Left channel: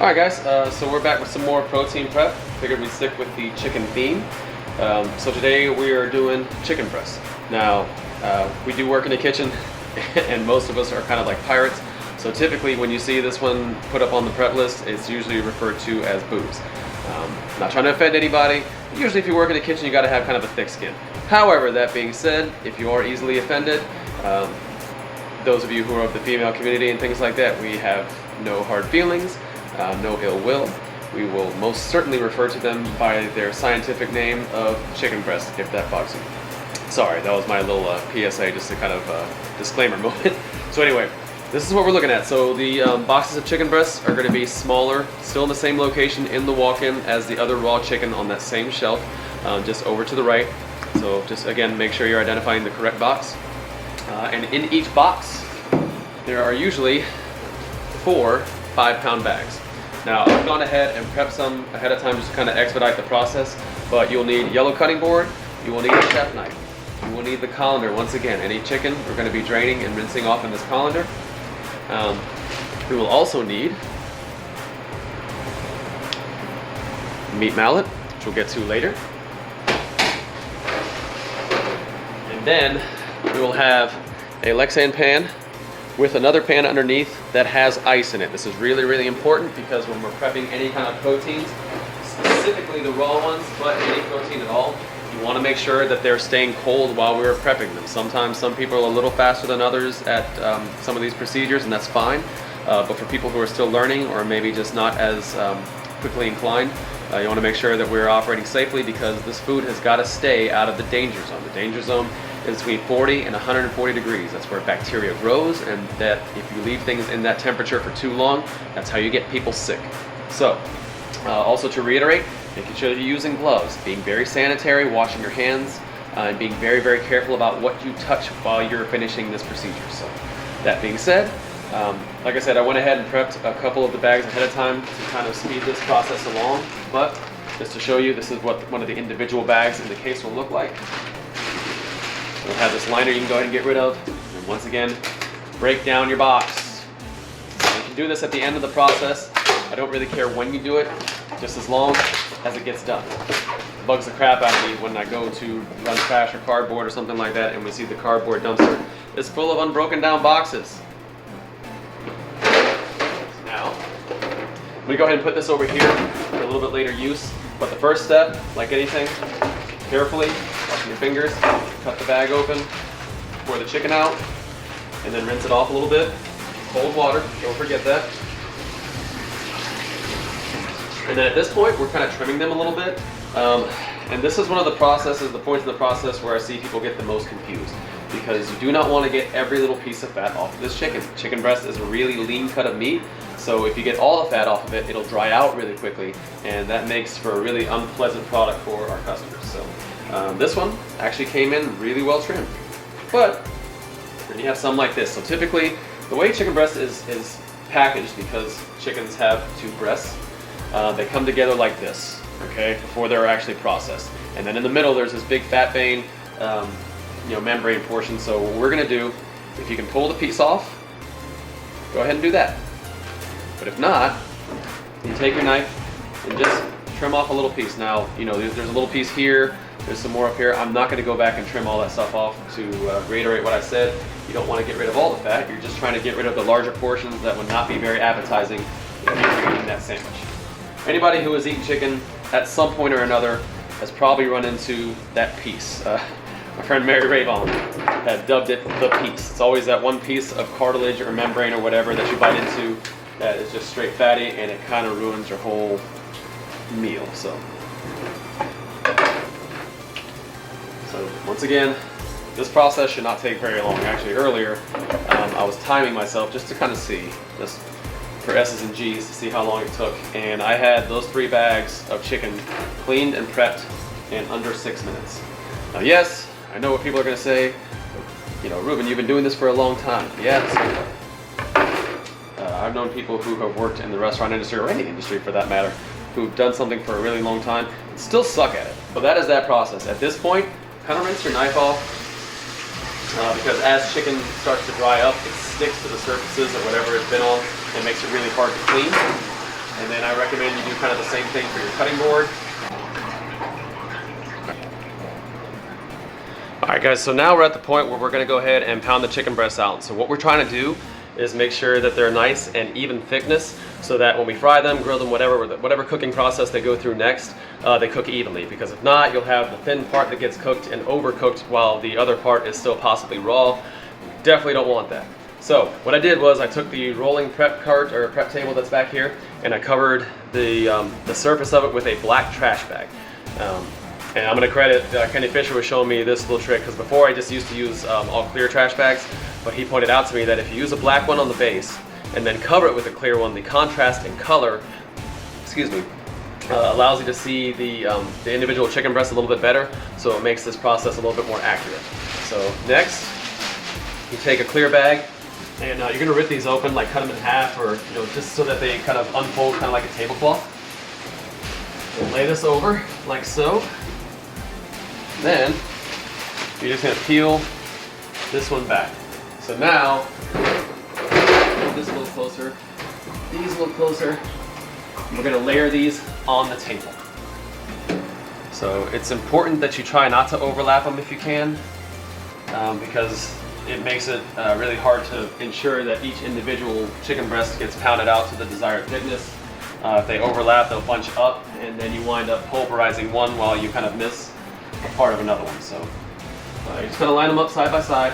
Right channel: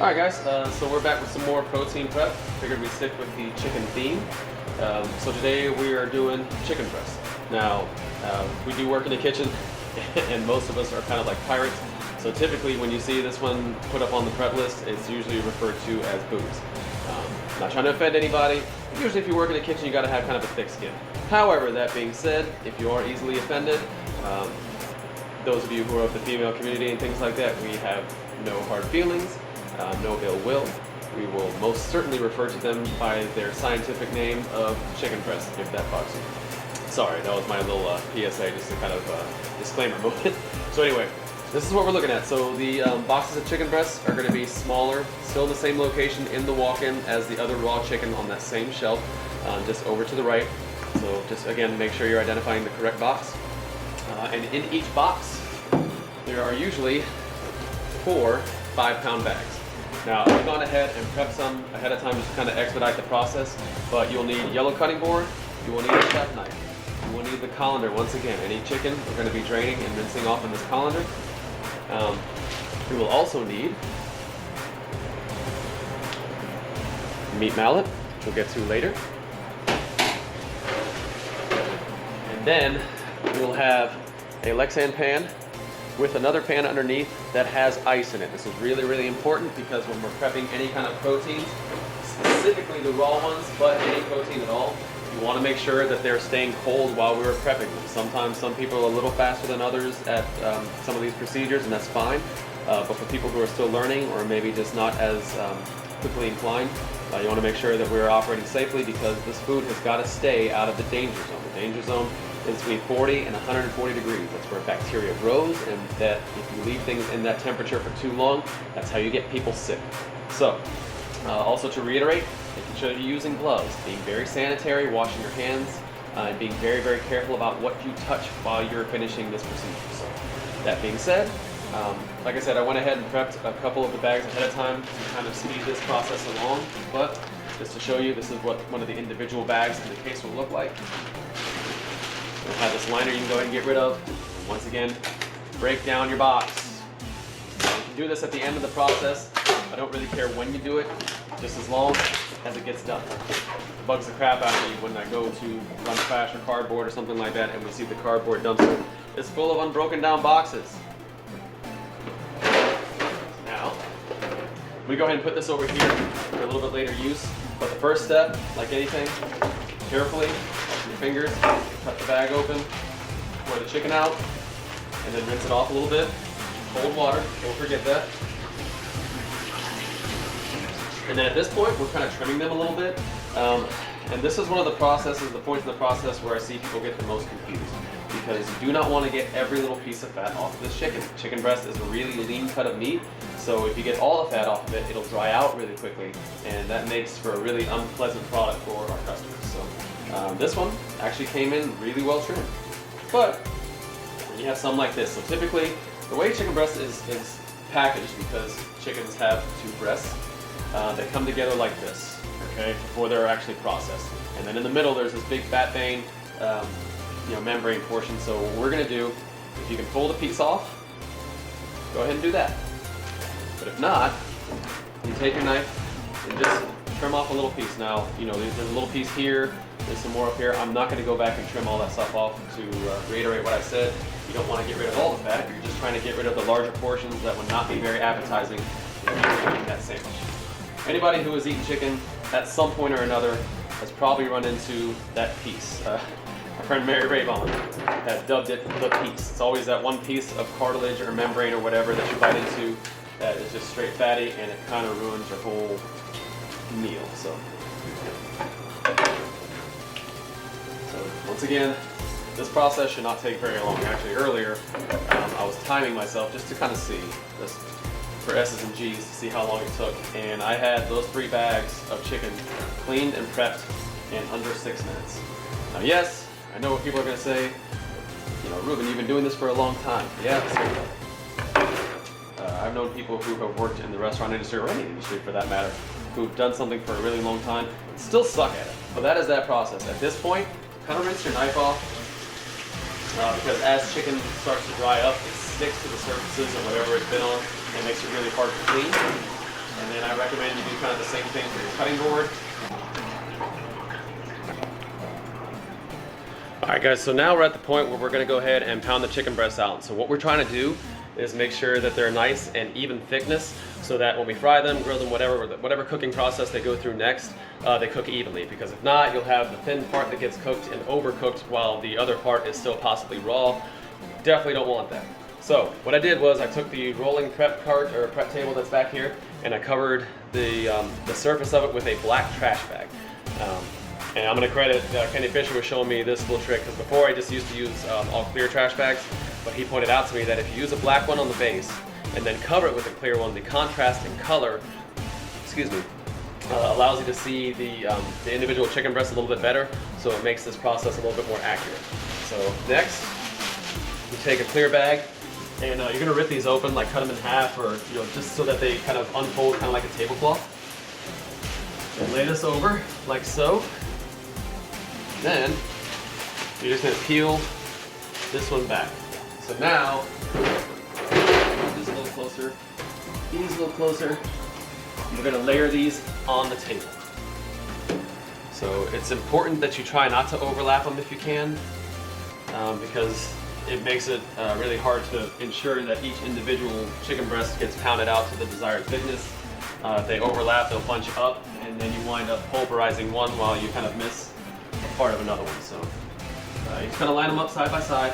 Alright guys, so we're back with some more protein prep. Figured we'd stick with the chicken theme. So today we are doing chicken breast. Now, we do work in the kitchen and most of us are kind of like pirates. So typically when you see this one put up on the prep list, it's usually referred to as boobs. Not trying to offend anybody. Usually if you work in the kitchen, you gotta have kind of a thick skin. However, that being said, if you are easily offended, those of you who are of the female community and things like that, we have no hard feelings. No ill will. We will most certainly refer to them by their scientific name of chicken breast, if that bugs you. Sorry, that was my little PSA, just a kind of disclaimer moment. So anyway, this is what we're looking at. So the boxes of chicken breasts are going to be smaller, still in the same location in the walk-in as the other raw chicken on that same shelf, just over to the right. So just again, make sure you're identifying the correct box. And in each box, there are usually 4 5-pound bags. Now, I've gone ahead and prepped some ahead of time just to kind of expedite the process, but you'll need yellow cutting board, you will need a chef knife, you will need the colander. Once again, any chicken we're going to be draining and rinsing off in this colander. We will also need meat mallet, which we'll get to later. And then we will have a Lexan pan with another pan underneath that has ice in it. This is really, really important because when we're prepping any kind of proteins, specifically the raw ones, but any protein at all, you want to make sure that they're staying cold while we're prepping them. Sometimes some people are a little faster than others at some of these procedures, and that's fine. But for people who are still learning or maybe just not as quickly inclined, you want to make sure that we're operating safely because this food has got to stay out of the danger zone. The danger zone is between 40 and 140 degrees. That's where bacteria grows, and that if you leave things in that temperature for too long, that's how you get people sick. So, also to reiterate, making sure that you're using gloves, being very sanitary, washing your hands, and being very, very careful about what you touch while you're finishing this procedure. So, that being said, like I said, I went ahead and prepped a couple of the bags ahead of time to kind of speed this process along, but just to show you, this is what one of the individual bags in the case will look like. We'll have this liner you can go ahead and get rid of. And once again, break down your box. You can do this at the end of the process. I don't really care when you do it, just as long as it gets done. It bugs the crap out of me when I go to run trash or cardboard or something like that and we see the cardboard dumpster is full of unbroken down boxes. Now, we go ahead and put this over here for a little bit later use. But the first step, like anything, carefully, watching your fingers, cut the bag open, pour the chicken out, and then rinse it off a little bit. Cold water, don't forget that. And then at this point, we're kind of trimming them a little bit. And this is one of the processes, the points in the process where I see people get the most confused. Because you do not want to get every little piece of fat off of this chicken. Chicken breast is a really lean cut of meat, so if you get all the fat off of it, it'll dry out really quickly, and that makes for a really unpleasant product for our customers. So this one actually came in really well trimmed. But when you have some like this, so typically the way chicken breast is packaged, because chickens have 2 breasts, they come together like this, okay, before they're actually processed. And then in the middle, there's this big fat vein, membrane portion. So what we're gonna do, if you can pull the piece off, go ahead and do that. But if not, you take your knife and just trim off a little piece. Now, there's a little piece here, there's some more up here. I'm not gonna go back and trim all that stuff off. To reiterate what I said, you don't wanna get rid of all the fat, you're just trying to get rid of the larger portions that would not be very appetizing if you're eating that sandwich. Anybody who has eaten chicken at some point or another has probably run into that piece. My friend Mary Rayvon has dubbed it the piece. It's always that one piece of cartilage or membrane or whatever that you bite into that is just straight fatty, and it kind of ruins your whole meal. So once again, this process should not take very long. Actually, earlier I was timing myself just to kind of see this for S's and G's to see how long it took, and I had those 3 bags of chicken cleaned and prepped in under 6 minutes. Now, yes, I know what people are going to say, Ruben, you've been doing this for a long time. Yeah, I've known people who have worked in the restaurant industry, or any industry for that matter, who've done something for a really long time and still suck at it. But that is that process. At this point, kind of rinse your knife off, because as chicken starts to dry up, it sticks to the surfaces or whatever it's been on, and it makes it really hard to clean. And then I recommend you do kind of the same thing for your cutting board. All right guys, so now we're at the point where we're gonna go ahead and pound the chicken breasts out. So what we're trying to do is make sure that they're nice and even thickness so that when we fry them, grill them, whatever cooking process they go through next, they cook evenly. Because if not, you'll have the thin part that gets cooked and overcooked while the other part is still possibly raw. Definitely don't want that. So what I did was I took the rolling prep cart or prep table that's back here and I covered the surface of it with a black trash bag. And I'm going to credit Kenny Fisher was showing me this little trick because before I just used to use all clear trash bags, but he pointed out to me that if you use a black one on the base and then cover it with a clear one, the contrast in color, allows you to see the individual chicken breast a little bit better, so it makes this process a little bit more accurate. So next, you take a clear bag and you're going to rip these open, like cut them in half, or just so that they kind of unfold kind of like a tablecloth. And lay this over like so. Then you're just going to peel this one back. So now, move this a little closer, these a little closer. We're going to layer these on the table. So it's important that you try not to overlap them if you can, because it makes it really hard to ensure that each individual chicken breast gets pounded out to the desired thickness. If they overlap, they'll bunch up, and then you wind up pulverizing one while you kind of miss a part of another one. So you're just going to line them up side by side.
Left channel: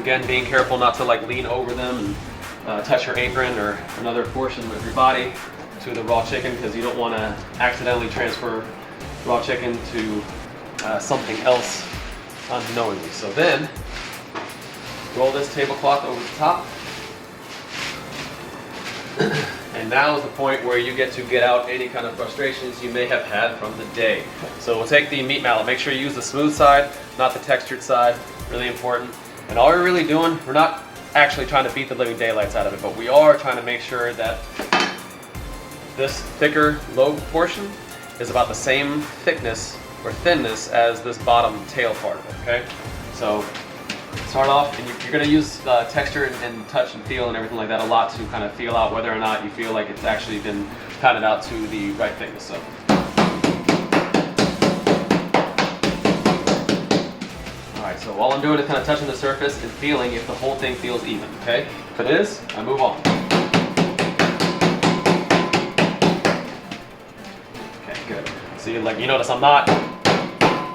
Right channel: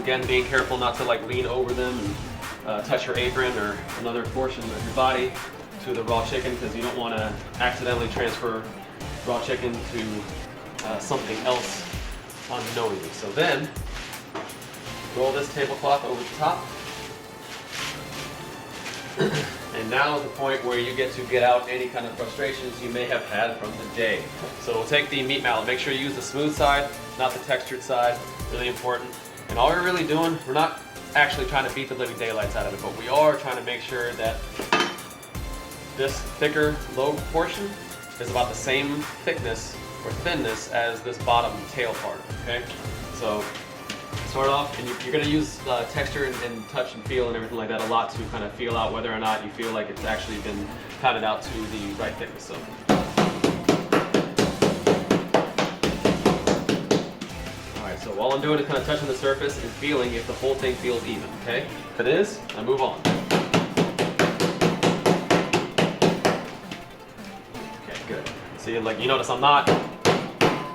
Again, being careful not to like lean over them and touch your apron or another portion of your body to the raw chicken, because you don't want to accidentally transfer raw chicken to something else unknowingly. So then, roll this tablecloth over the top. And now is the point where you get to get out any kind of frustrations you may have had from the day. So we'll take the meat mallet. Make sure you use the smooth side, not the textured side. Really important. And all we're really doing, we're not actually trying to beat the living daylights out of it, but we are trying to make sure that this thicker lobe portion is about the same thickness or thinness as this bottom tail part, okay? So start off, and you're going to use texture and touch and feel and everything like that a lot to kind of feel out whether or not you feel like it's actually been pounded out to the right thickness. So. Alright, so all I'm doing is kind of touching the surface and feeling if the whole thing feels even, okay? If it is, I move on. Okay, good. So you notice I'm not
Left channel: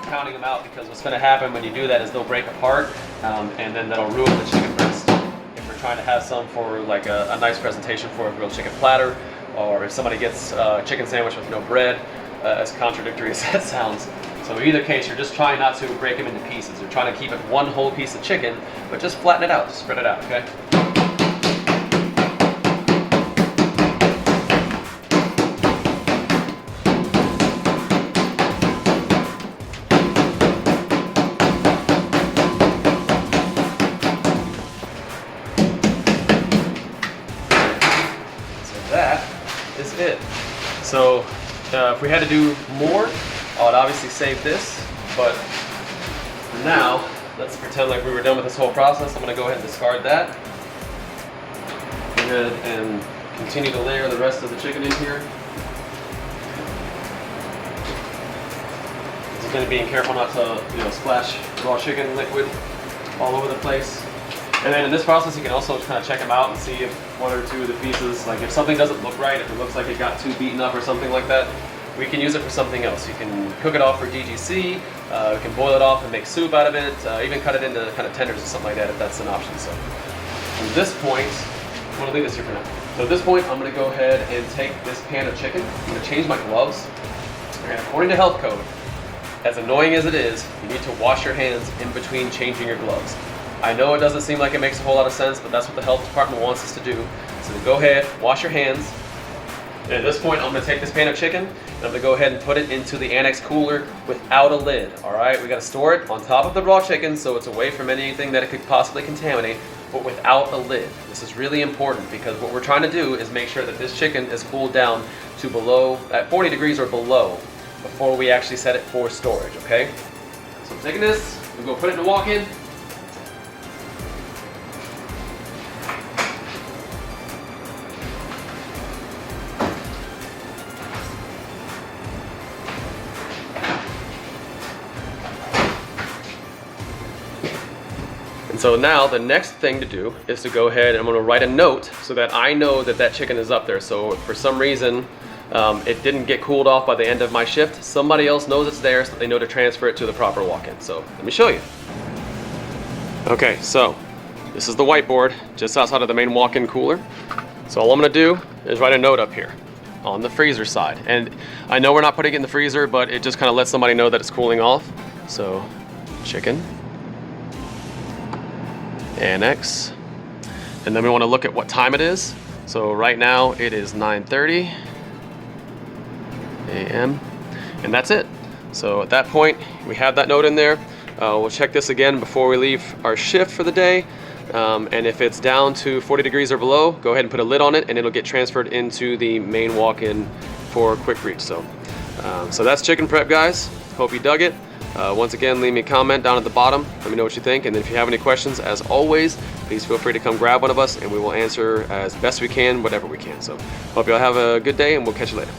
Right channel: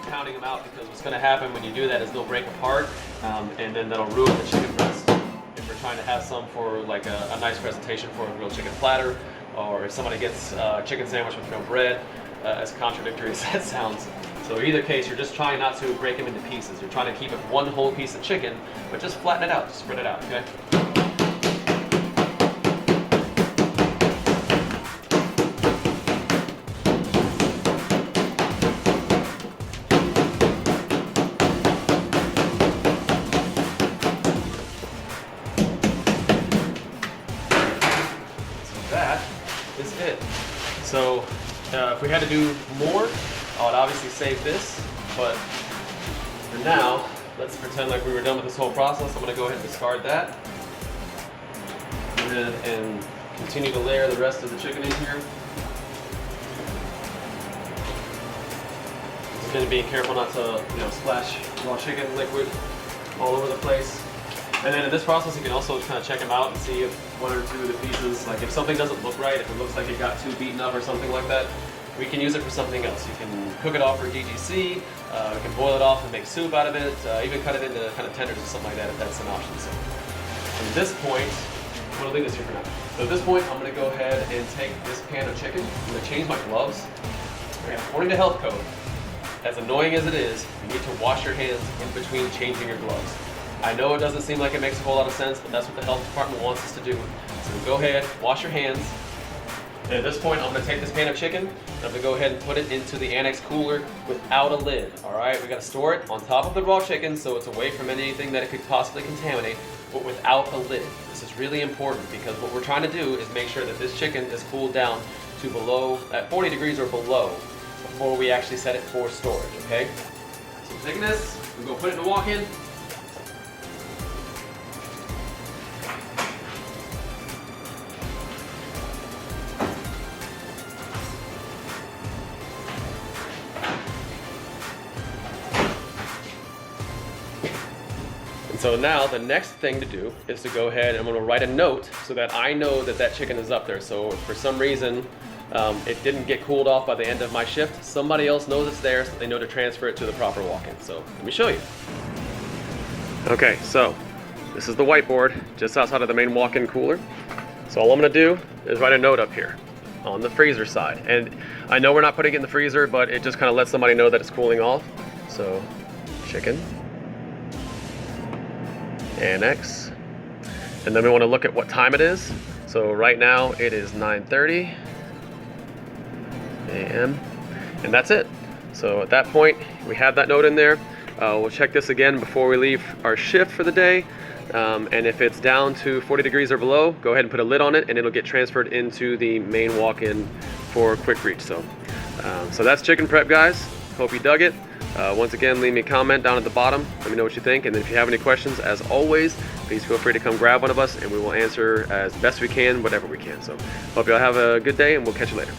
pounding them out, because what's going to happen when you do that is they'll break apart, and then that'll ruin the chicken breast. If we're trying to have some for like a nice presentation for a real chicken platter, or if somebody gets a chicken sandwich with no bread, as contradictory as that sounds. So in either case, you're just trying not to break them into pieces. You're trying to keep it one whole piece of chicken, but just flatten it out, just spread it out, okay? That is it. So if we had to do more, I would obviously save this, but for now, let's pretend like we were done with this whole process. I'm going to go ahead and discard that. Go ahead and continue to layer the rest of the chicken in here. Just going to be careful not to splash raw chicken liquid all over the place. And then in this process, you can also kind of check them out and see if one or two of the pieces, like if something doesn't look right, if it looks like it got too beaten up or something like that, we can use it for something else. You can cook it off for DGC, you can boil it off and make soup out of it, even cut it into kind of tenders or something like that if that's an option. So at this point, I'm going to leave this here for now. So at this point, I'm going to go ahead and take this pan of chicken. I'm going to change my gloves. And according to health code, as annoying as it is, you need to wash your hands in between changing your gloves. I know it doesn't seem like it makes a whole lot of sense, but that's what the health department wants us to do. So go ahead, wash your hands. And at this point, I'm going to take this pan of chicken, and I'm going to go ahead and put it into the annex cooler without a lid. All right, we got to store it on top of the raw chicken so it's away from anything that it could possibly contaminate, but without a lid. This is really important because what we're trying to do is make sure that this chicken is cooled down to below, at 40 degrees or below, before we actually set it for storage, okay? So I'm taking this, we're going to put it in a walk-in. So now the next thing to do is to go ahead and I'm gonna write a note so that I know that that chicken is up there. So if for some reason it didn't get cooled off by the end of my shift, somebody else knows it's there so they know to transfer it to the proper walk-in. So let me show you. Okay, so this is the whiteboard just outside of the main walk-in cooler. So all I'm gonna do is write a note up here on the freezer side. And I know we're not putting it in the freezer, but it just kind of lets somebody know that it's cooling off. So chicken, annex, and then we want to look at what time it is. So right now it is 9:30 a.m. and that's it. So at that point we have that note in there. We'll check this again before we leave our shift for the day. And if it's down to 40 degrees or below, go ahead and put a lid on it and it'll get transferred into the main walk-in for quick reach. So that's chicken prep, guys. Hope you dug it. Once again, leave me a comment down at the bottom. Let me know what you think. And then if you have any questions, as always, please feel free to come grab one of us and we will answer as best we can, whatever we can. So hope you all have a good day and we'll catch you later.